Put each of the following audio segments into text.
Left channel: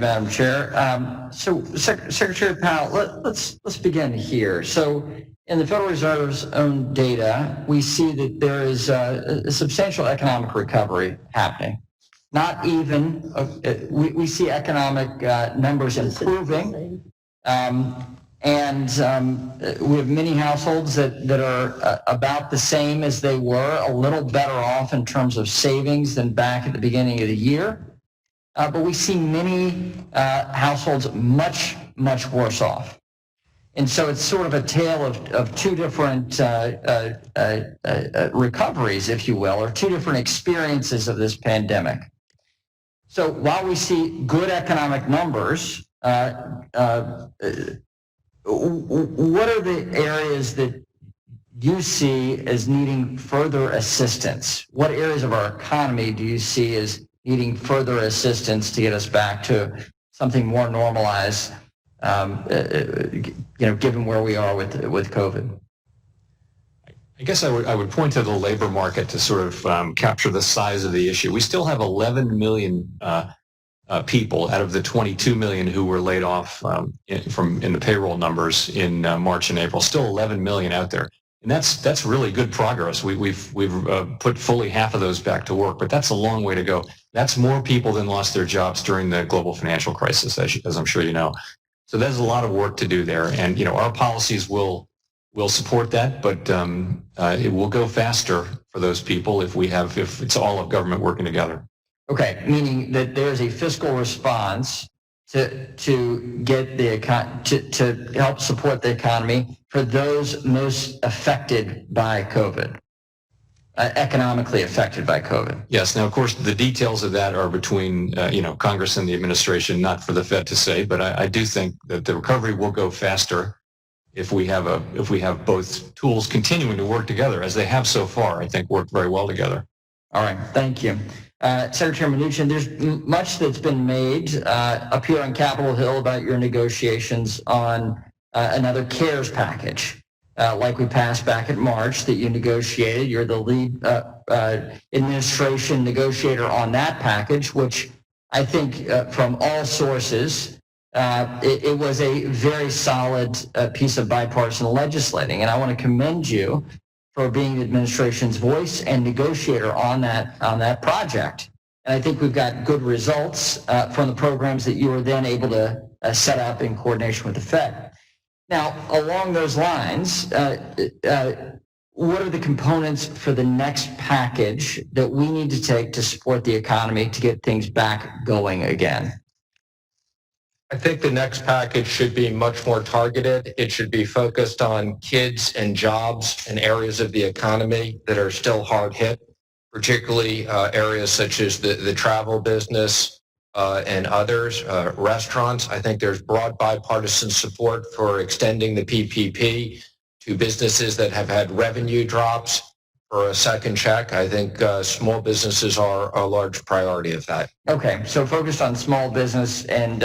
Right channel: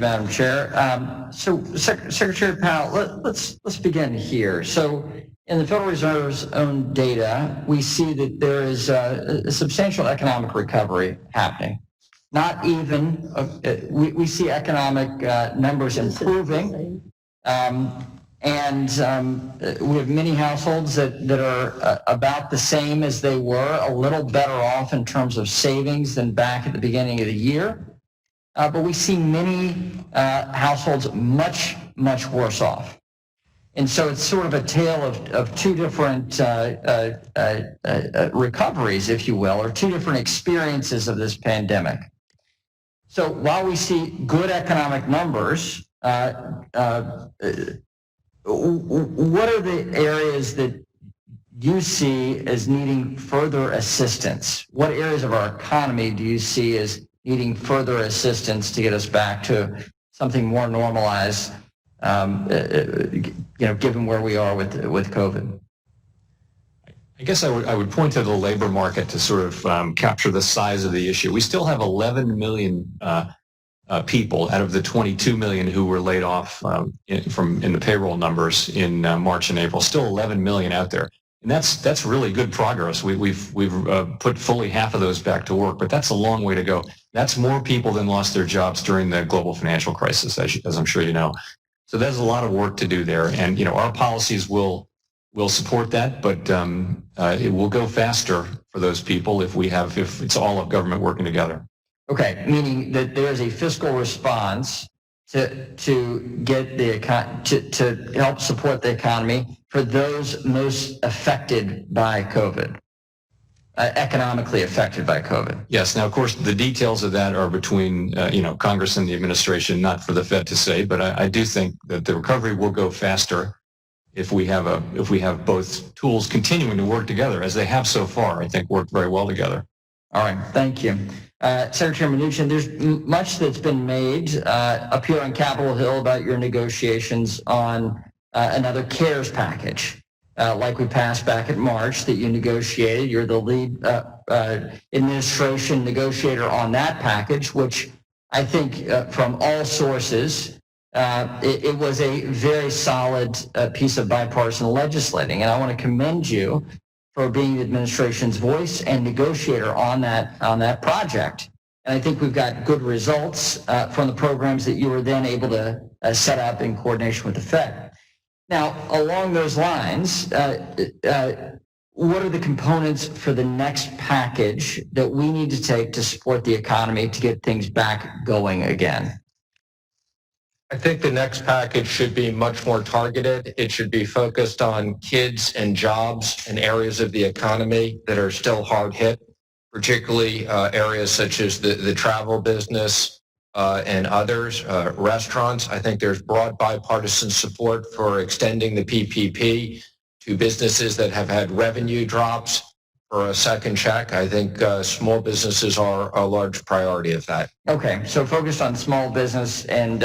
you, Madam Chair. Secretary Powell, let's begin here. So, in the Federal Reserve's own data, we see that there is a substantial economic recovery happening. Not even, we see economic numbers improving, and we have many households that are about the same as they were, a little better off in terms of savings than back at the beginning of the year. But we see many households much worse off. And so it's sort of a tale of two different recoveries, if you will, or two different experiences of this pandemic. So while we see good economic numbers, what are the areas that you see as needing further assistance? What areas of our economy do you see as needing further assistance to get us back to something more normalized, given where we are with COVID? I guess I would point to the labor market to sort of capture the size of the issue. We still have 11 million people out of the 22 million who were laid off in the payroll numbers in March and April. Still 11 million out there, and that's really good progress. We've put fully half of those back to work, but that's a long way to go. That's more people than lost their jobs during the global financial crisis, as I'm sure you know. So there's a lot of work to do there, and our policies will support that, but it will go faster for those people if it's all of government working together. Okay, meaning that there's a fiscal response to get to help support the economy for those most affected by COVID, economically affected by COVID. Yes. Now, of course, the details of that are between Congress and the administration, not for the Fed to say. But I do think that the recovery will go faster if we have both tools continuing to work together, as they have so far. I think worked very well together. All right. Thank you. Secretary Mnuchin, there's much that's been made up here on Capitol Hill about your negotiations on another CARES package, like we passed back in March that you negotiated. You're the lead administration negotiator on that package, which I think from all sources, it was a very solid piece of bipartisan legislating. And I want to commend you for being the administration's voice and negotiator on that project. And I think we've got good results from the programs that you were then able to set up in coordination with the Fed. Now, along those lines, what are the components for the next package that we need to take to support the economy to get things back going again? I think the next package should be much more targeted. It should be focused on kids and jobs and areas of the economy that are still hard hit, particularly areas such as the travel business and others, restaurants. I think there's broad bipartisan support for extending the PPP to businesses that have had revenue drops for a second check. I think small businesses are a large priority of that. Okay, so focused on small business and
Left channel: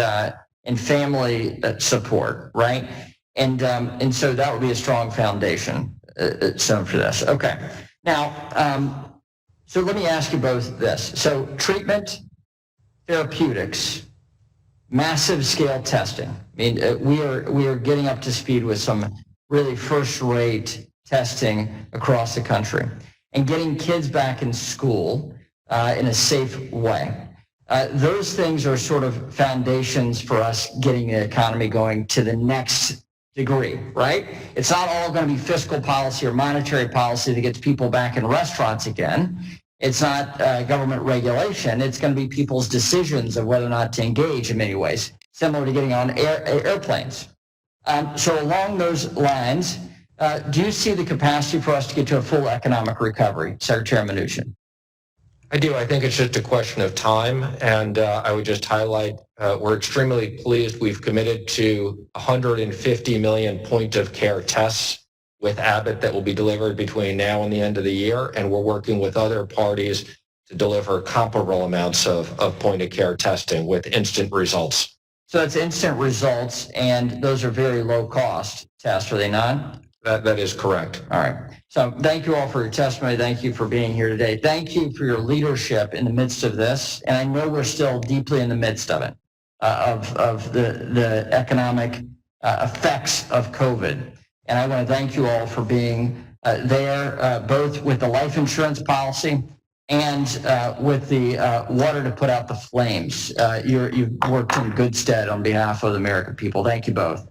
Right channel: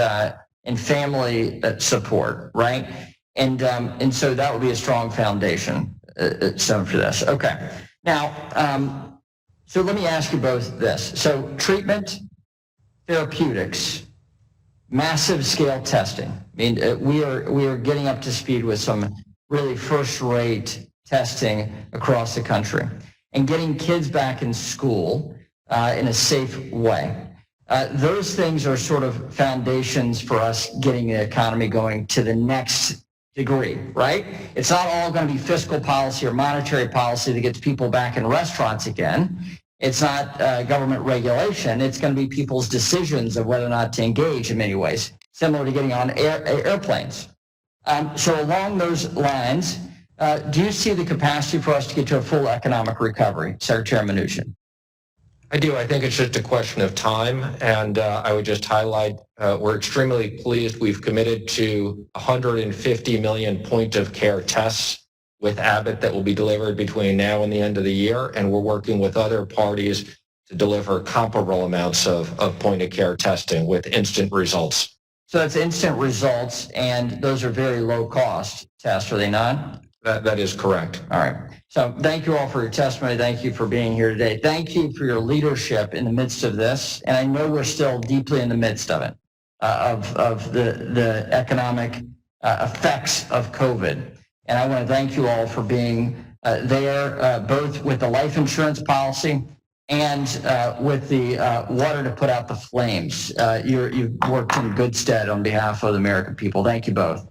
family support, right? And so that would be a strong foundation for this. Okay. Now, so let me ask you both this. So treatment, therapeutics, massive scale testing. I mean, we are getting up to speed with some really first-rate testing across the country and getting kids back in school in a safe way. Those things are sort of foundations for us getting the economy going to the next degree, right? It's not all going to be fiscal policy or monetary policy that gets people back in restaurants again. It's not government regulation. It's going to be people's decisions of whether or not to engage in many ways, similar to getting on airplanes. So along those lines, do you see the capacity for us to get to a full economic recovery, Secretary Mnuchin? I do. I think it's just a question of time, and I would just highlight we're extremely pleased. We've committed to 150 million point-of-care tests with Abbott that will be delivered between now and the end of the year, and we're working with other parties to deliver comparable amounts of point-of-care testing with instant results. So that's instant results, and those are very low-cost tests, are they not? That is correct. All right. So thank you all for your testimony. Thank you for being here today. Thank you for your leadership in the midst of this. And I know we're still deeply in the midst of it. of the economic effects of COVID. And I want to thank you all for being there, both with the life insurance policy and with the water to put out the flames. You've worked in good stead on behalf of the American people. Thank you both.